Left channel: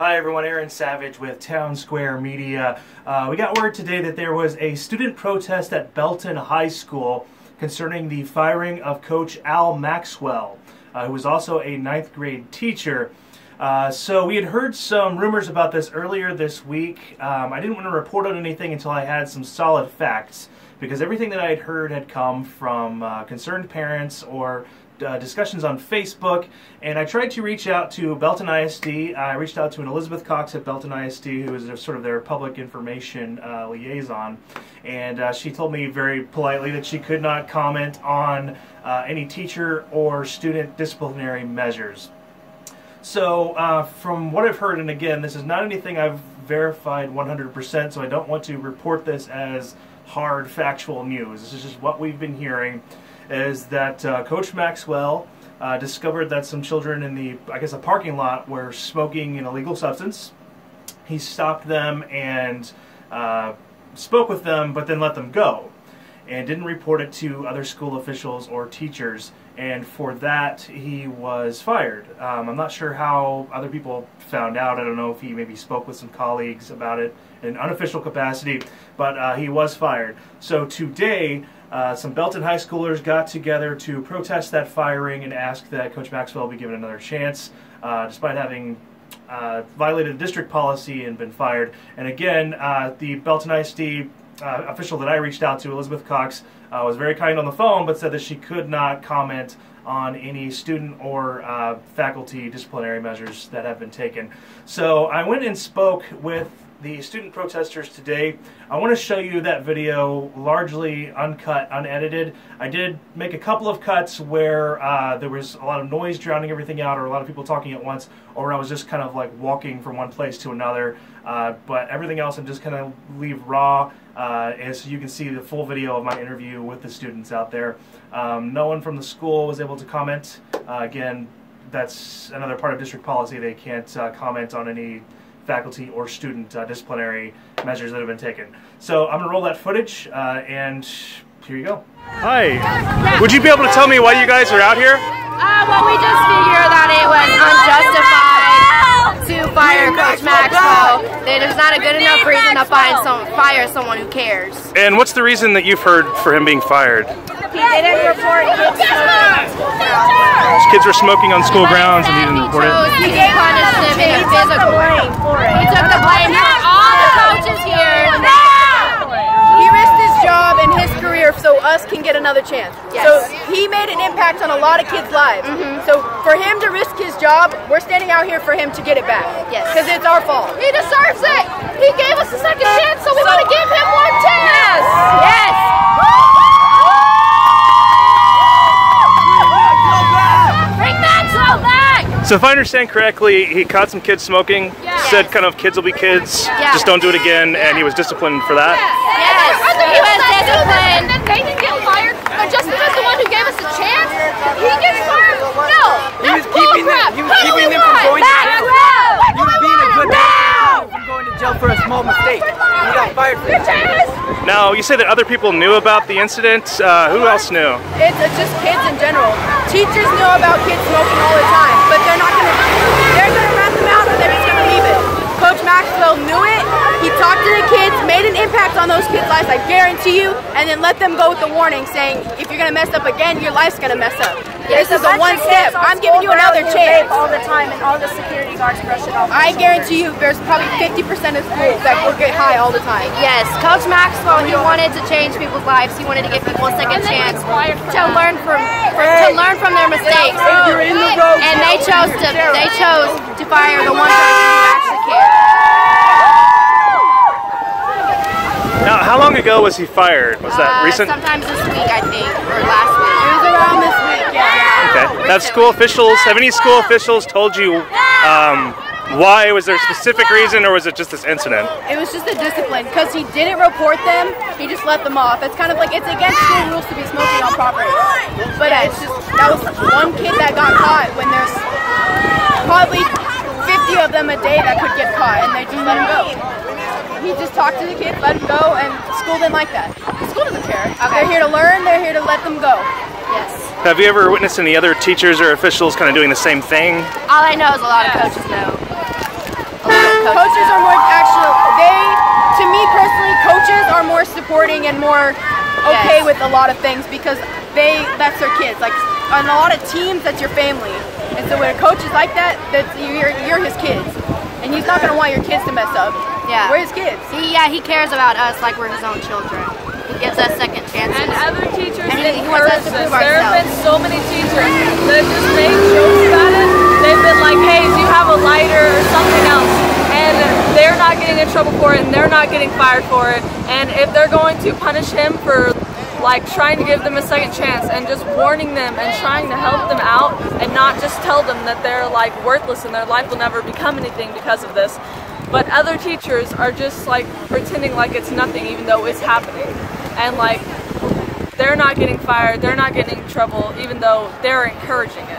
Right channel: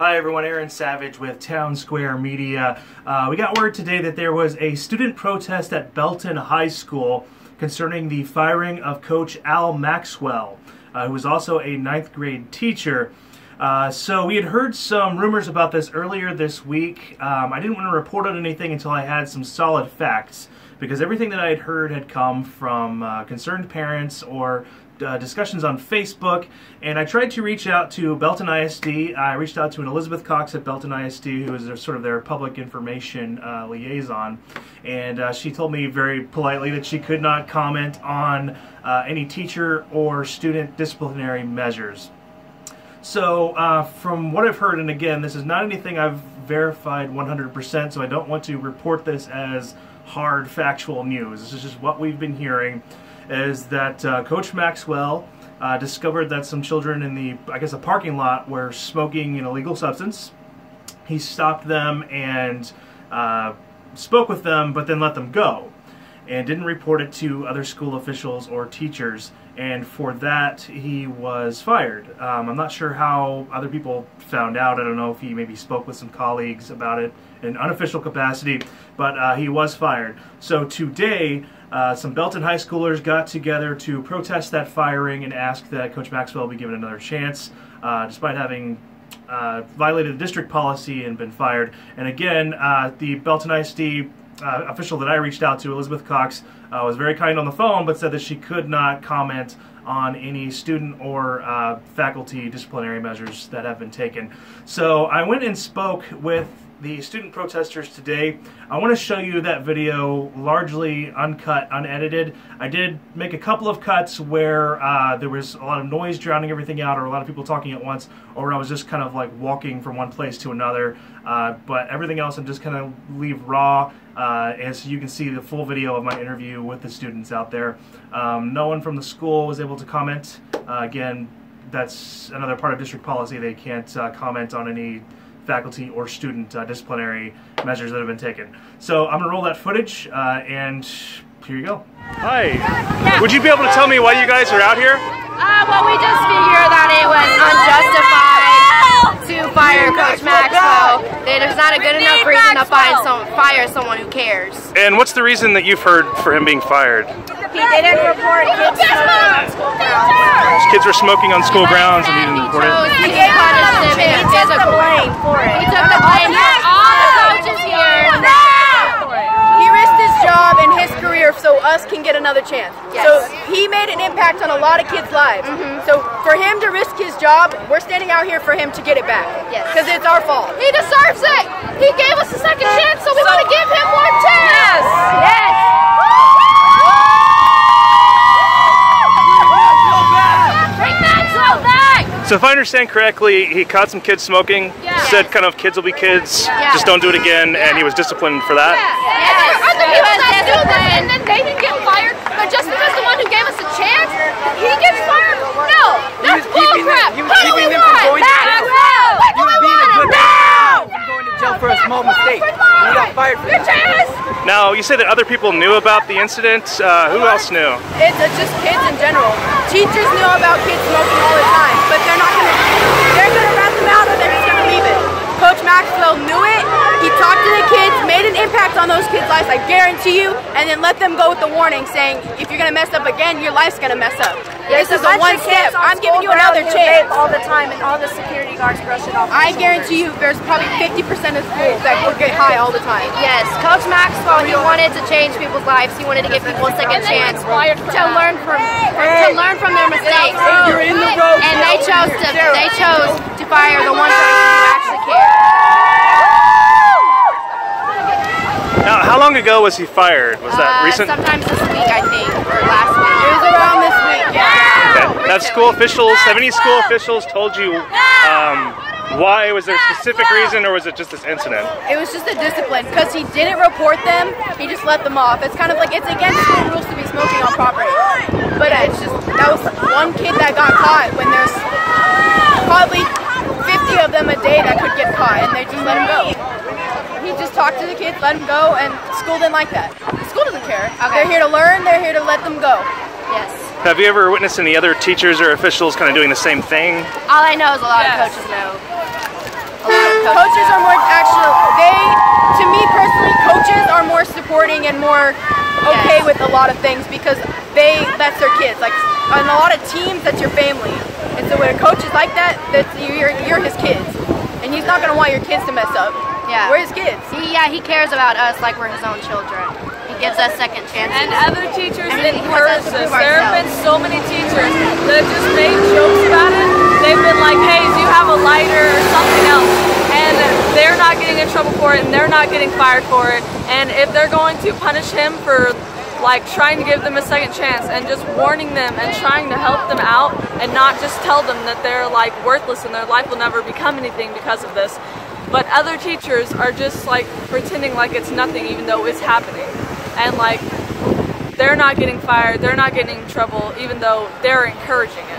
Hi everyone, Aaron Savage with Town Square Media. We got word today that there was a student protest at Belton High School concerning the firing of Coach Al Maxwell, who was also a 9th grade teacher. So we had heard some rumors about this earlier this week. I didn't want to report on anything until I had some solid facts, because everything that I had heard had come from concerned parents or discussions on Facebook, and I tried to reach out to Belton ISD. I reached out to an Elizabeth Cox at Belton ISD, who is sort of their public information liaison, and she told me very politely that she could not comment on any teacher or student disciplinary measures. So from what I've heard, and again, this is not anything I've verified 100%, so I don't want to report this as hard factual news. This is just what we've been hearing, is that Coach Maxwell discovered that some children in the, I guess, a parking lot were smoking an illegal substance. He stopped them and spoke with them, but then let them go, and didn't report it to other school officials or teachers, and for that he was fired. I'm not sure how other people found out. I don't know if he maybe spoke with some colleagues about it in unofficial capacity, but he was fired. So today, some Belton High Schoolers got together to protest that firing and ask that Coach Maxwell be given another chance, despite having violated district policy and been fired. And again, the Belton ISD official that I reached out to, Elizabeth Cox, was very kind on the phone, but said that she could not comment on any student or faculty disciplinary measures that have been taken. So I went and spoke with the student protesters today. I want to show you that video largely uncut, unedited. I did make a couple of cuts where there was a lot of noise drowning everything out, or a lot of people talking at once, or I was just kind of like walking from one place to another. But everything else I'm just kind of leave raw, and so you can see the full video of my interview with the students out there. No one from the school was able to comment. Again, that's another part of district policy. They can't comment on any faculty or student disciplinary measures that have been taken. So I'm going to roll that footage, and here you go. Hi. Yeah. Would you be able to tell me why you guys are out here? Well, we just figured that it was unjustified to fire Coach Maxwell. There's not a good enough reason to fire someone who cares. And what's the reason that you've heard for him being fired? He didn't report kids smoking on school grounds. Kids were smoking on school grounds and he didn't report it? So he punished them in a physical way. He took the blame for all the coaches here. He risked his job and his career so us can get another chance. Yes. So he made an impact on a lot of kids' lives. So for him to risk his job, we're standing out here for him to get it back. Because it's our fault. He deserves it. He gave us a second chance, so we want to give him one chance. Yes. Bring Maxwell back. So if I understand correctly, he caught some kids smoking, said kind of kids will be kids, just don't do it again, and he was disciplined for that? Yes, he was disciplined. And then they didn't get fired, but just because the one who gave us a chance, he gets fired? No, that's bullcrap. How do we want? Maxwell! He was being a good person from going to jail for a small mistake. He got fired for that. Now, you say that other people knew about the incident. Who else knew? It's just kids in general. Teachers know about kids smoking all the time, but they're gonna rat them out or they're just gonna leave it. Coach Maxwell knew it. He talked to the kids, made an impact on those kids' lives, I guarantee you, and then let them go with the warning saying, if you're gonna mess up again, your life's gonna mess up. This is a one step. I'm giving you another chance. All the time, and all the security guards brush it off. I guarantee you, there's probably 50% of schools that will get high all the time. Yes, Coach Maxwell, he wanted to change people's lives. He wanted to give people a second chance to learn from their mistakes. You're in the road. And they chose to fire the one person who actually cared. Now, how long ago was he fired? Was that recent? Sometimes this week, I think, or last week. It was around this week, yeah. Okay. Have school officials, have any school officials told you why? Was there a specific reason, or was it just this incident? It was just a discipline, because he didn't report them, he just let them off. It's kind of like, it's against school rules to be smoking on property. But it's just, that was one kid that got caught when there's probably 50 of them a day that could get caught, and they just let him go. He just talked to the kids, let them go, and school didn't like that. The school doesn't care. Okay. They're here to learn, they're here to let them go. Yes. Have you ever witnessed any other teachers or officials kind of doing the same thing? All I know is a lot of coaches know. A Coaches are more to me personally, coaches are more supporting and more okay with a lot of things because that's their kids. Like on a lot of teams, that's your family. And so when a coach is like that, you're his kids. And he's not going to want your kids to mess up. Yeah. We're his kids. He cares about us like we're his own children. He gives us second chances. And other teachers encourage us. There have been so many teachers that just make jokes about it. They've been like, hey, do you have a lighter or something else? And they're not getting in trouble for it and they're not getting fired for it. And if they're going to punish him for like trying to give them a second chance and just warning them and trying to help them out and not just tell them that they're like worthless and their life will never become anything because of this. But other teachers are just like pretending like it's nothing even though it's happening. And like they're not getting fired, they're not getting in trouble even though they're encouraging it.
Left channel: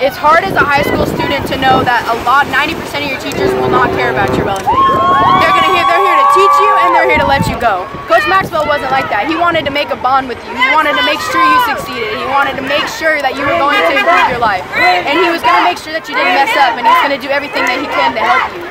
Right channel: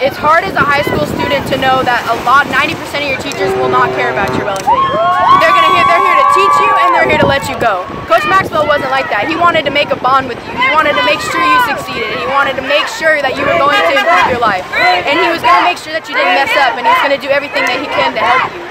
It's hard as a high school student to know that 90% of your teachers will not care about your well-being. They're here to teach you and they're here to let you go. Coach Maxwell wasn't like that. He wanted to make a bond with you. He wanted to make sure you succeeded. He wanted to make sure that you were going to improve your life. And he was going to make sure that you didn't mess up and he was going to do everything that he can to help you.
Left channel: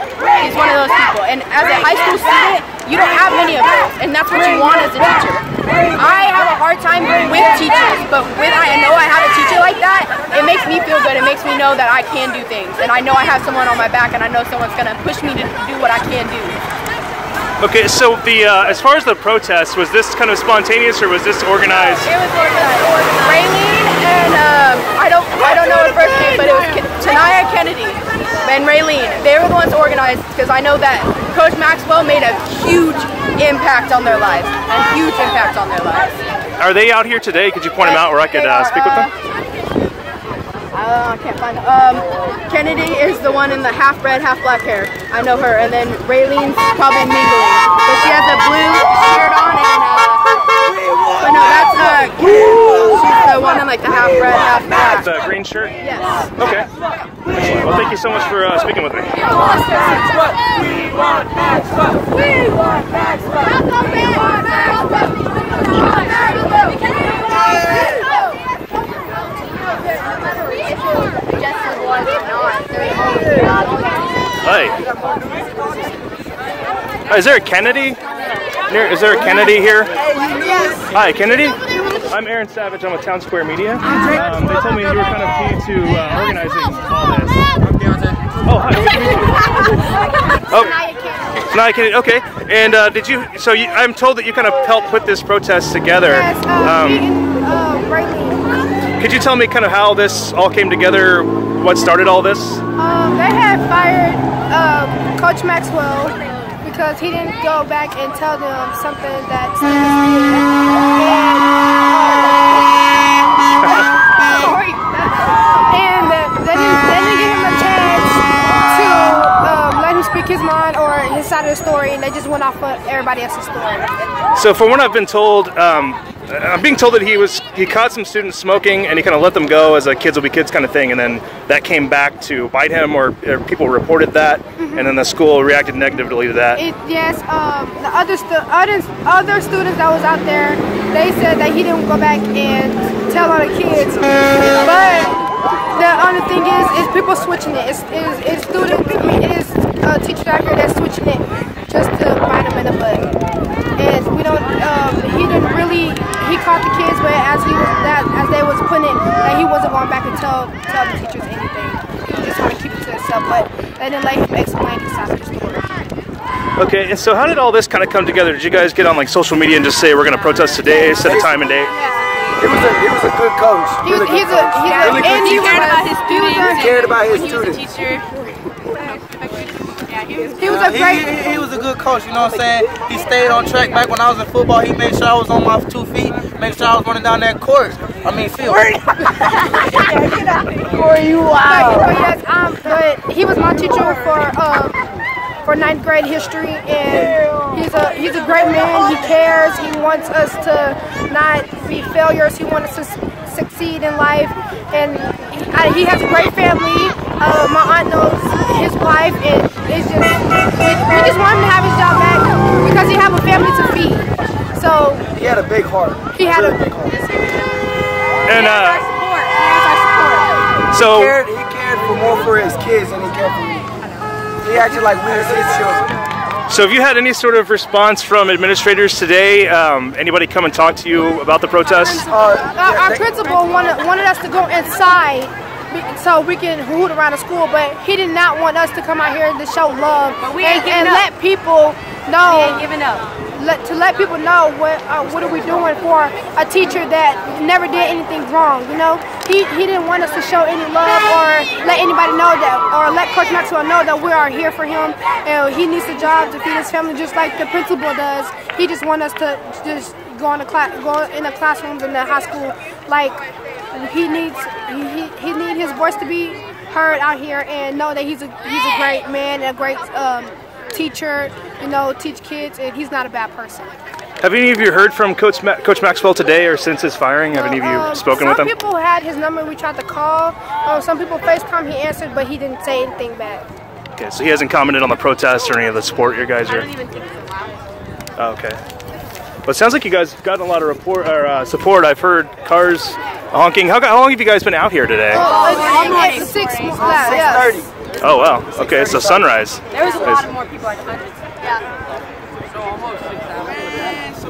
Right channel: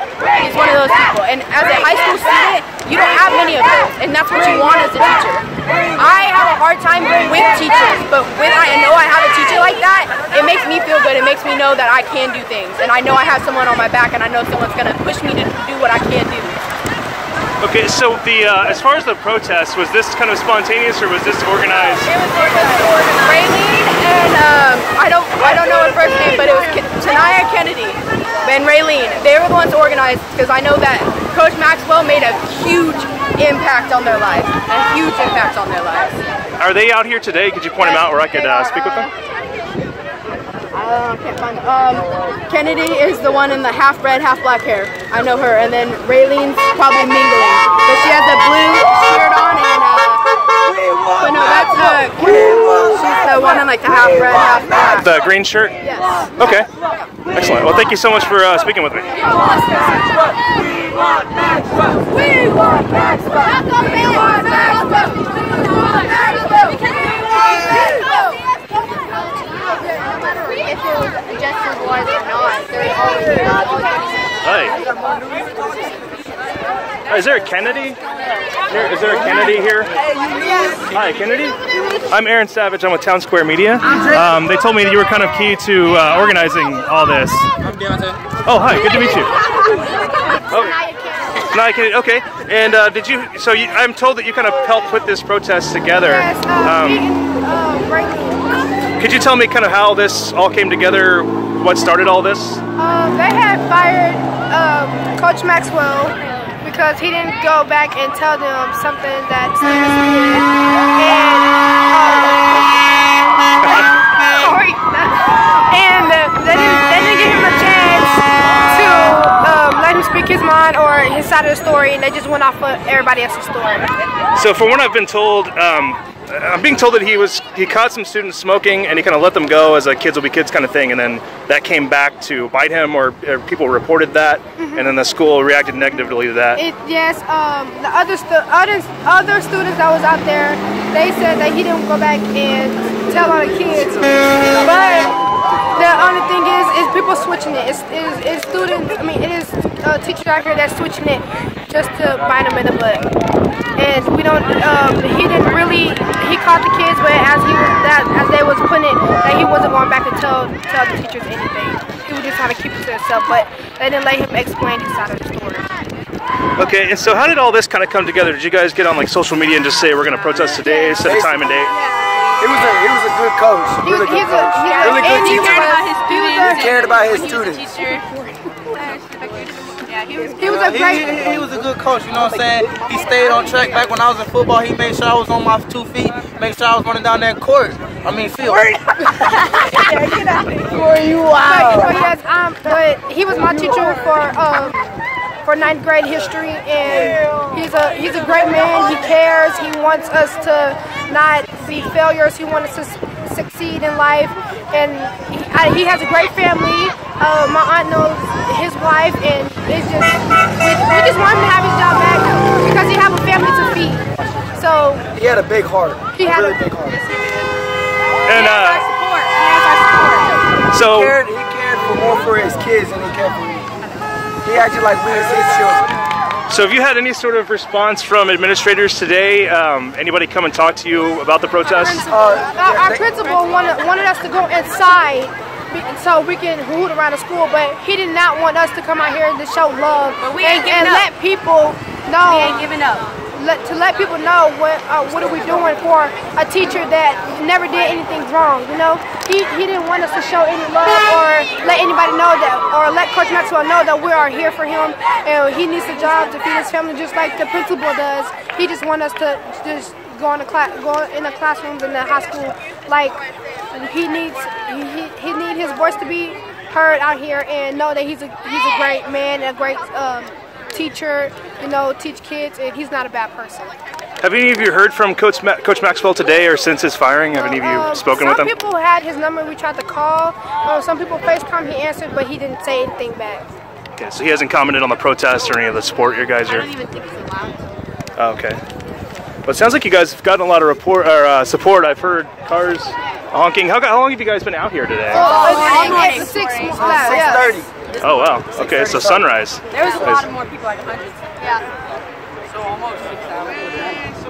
He's one of those people. And as a high school student, you don't have many of those. And that's what you want as a teacher. I have a hard time with teachers, but when I know I have a teacher like that, it makes me feel good. It makes me know that I can do things. And I know I have someone on my back and I know someone's going to push me to do what I can do. Okay, so as far as the protest, was this kind of spontaneous or was this organized? It was organized. Raylene and I don't know her first name, but it was Tanaya Kennedy and Raylene. They were the ones organized because I know that Coach Maxwell made a huge impact on their lives. A huge impact on their lives. Are they out here today? Could you point them out where I could speak with them? I can't find them. Kennedy is the one in the half red, half black hair. I know her. And then Raylene's probably mingling. But she has a blue shirt on and but no, that's she's the one in like the half red, half black. The green shirt? Yes. Okay. Excellent. Well, thank you so much for speaking with me. We want Maxwell. Hi. Is there a Kennedy? Is there a Kennedy here? Hi, Kennedy. I'm Aaron Savage. I'm with Town Square Media. They told me that you were kind of key to organizing all this. Oh, hi. Good to meet you. Oh, Naya Kennedy. Okay. And did you? So I'm told that you kind of helped put this protest together. Yes. Could you tell me kind of how this all came together? What started all this? They had fired Coach Maxwell because he didn't go back and tell them something that students did, and they didn't give him a chance to let him speak his mind or his side of the story, and they just went off of everybody else's story. So from what I've been told, I'm being told that he caught some students smoking and he kind of let them go as a kids will be kids kind of thing, and then that came back to bite him, or people reported that, and then the school reacted negatively to that. Yes, the other students that was out there, they said that he didn't go back and tell all the kids, but the only thing is people switching it. It's students. I mean, it is teachers out here that's switching it just to bite them in the butt. And we don't. He didn't really. He caught the kids, but as they was putting it, that he wasn't going back to tell the teachers anything. He was just trying to keep it to himself. But they didn't let him explain his side of the story. Okay, and so how did all this kind of come together? Did you guys get on like social media and just say we're going to protest today, set a time and date? He was a good coach. Really good coach. He cared about his students. He was a good coach, you know what I'm saying? He stayed on track. Back when I was in football, he made sure I was on my 2 feet, make sure I was running down that court. I mean, field. Get out of you. But he was my teacher for 9th grade history, and he's a great man. He cares. He wants us to not be failures. He wants us to succeed in life, and he has a great family. My aunt knows his wife, and it's just we just want him to have his job back because he have a family to feed. So he had a big heart. He had a big heart. And he has our support. So he cared more for his kids than he cared for me. He acted like we were his children. So have you had any sort of response from administrators today? Anybody come and talk to you about the protest? Our principal wanted us to go inside so we can hoot around the school, but he did not want us to come out here to show love and let people know. To let people know what are we doing for a teacher that never did anything wrong. You know, he didn't want us to show any love or let anybody know that, or let Coach Maxwell know that we are here for him and he needs a job to feed his family just like the principal does. He just wants us to just go in the classrooms in the high school. Like he needs his voice to be heard out here and know that he's a great man, a great teacher, you know, teach kids, and he's not a bad person. Have any of you heard from Coach Maxwell today or since his firing? Have any of you spoken with him? Some people had his number, we tried to call. Some people FaceTime, he answered, but he didn't say anything back. Okay, so he hasn't commented on the protests or any of the support you guys are... Oh, okay. Well, it sounds like you guys have gotten a lot of support. I've heard cars honking. How long have you guys been out here today? 6:30. Oh, wow. Okay, so sunrise. There was a lot of more people, like hundreds.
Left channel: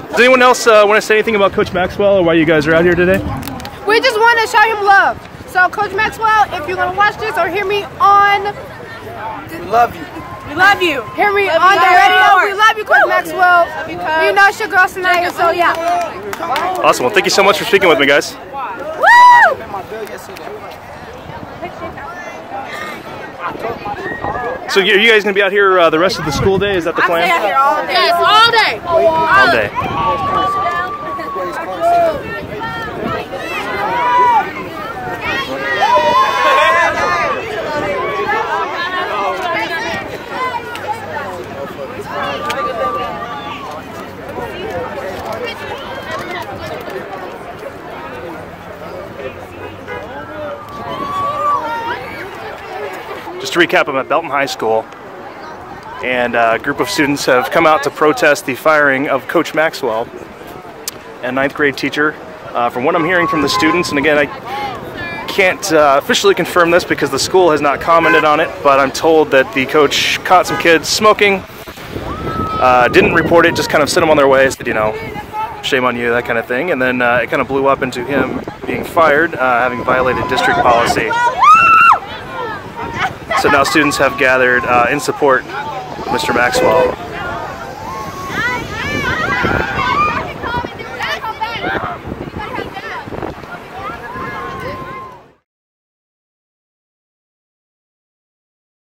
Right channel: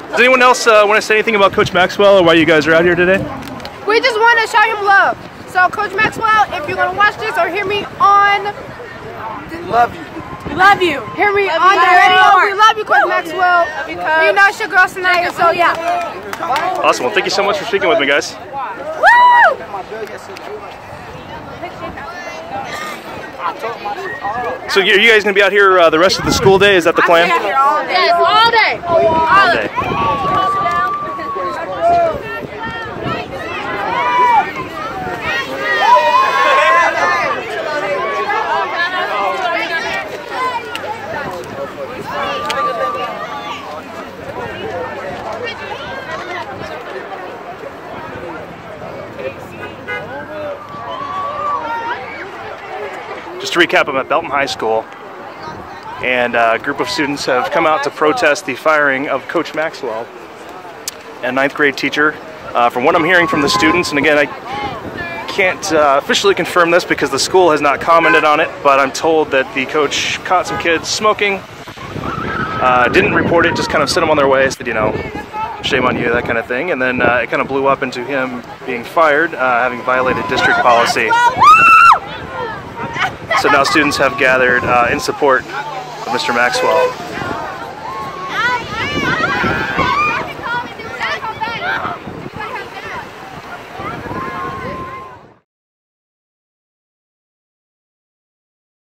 Does anyone else want to say anything about Coach Maxwell or why you guys are out here today? We just want to show him love. So, Coach Maxwell, if you're going to watch this or hear me on... Love you. We love you. Hear me on the radio. We love you, Coach Maxwell. You know it's your girl, Sanaya, so yeah. Awesome. Well, thank you so much for speaking with me, guys. Woo! So are you guys going to be out here the rest of the school day? Is that the plan? All day. All day. All day. Just to recap, I'm at Belton High School, and a group of students have come out to protest the firing of Coach Maxwell, a 9th grade teacher. From what I'm hearing from the students, and again, I can't officially confirm this because the school has not commented on it, but I'm told that the coach caught some kids smoking, didn't report it, just kind of sent them on their way, said, you know, shame on you, that kind of thing, and then it kind of blew up into him being fired, having violated district policy. So now students have gathered in support of Mr. Maxwell.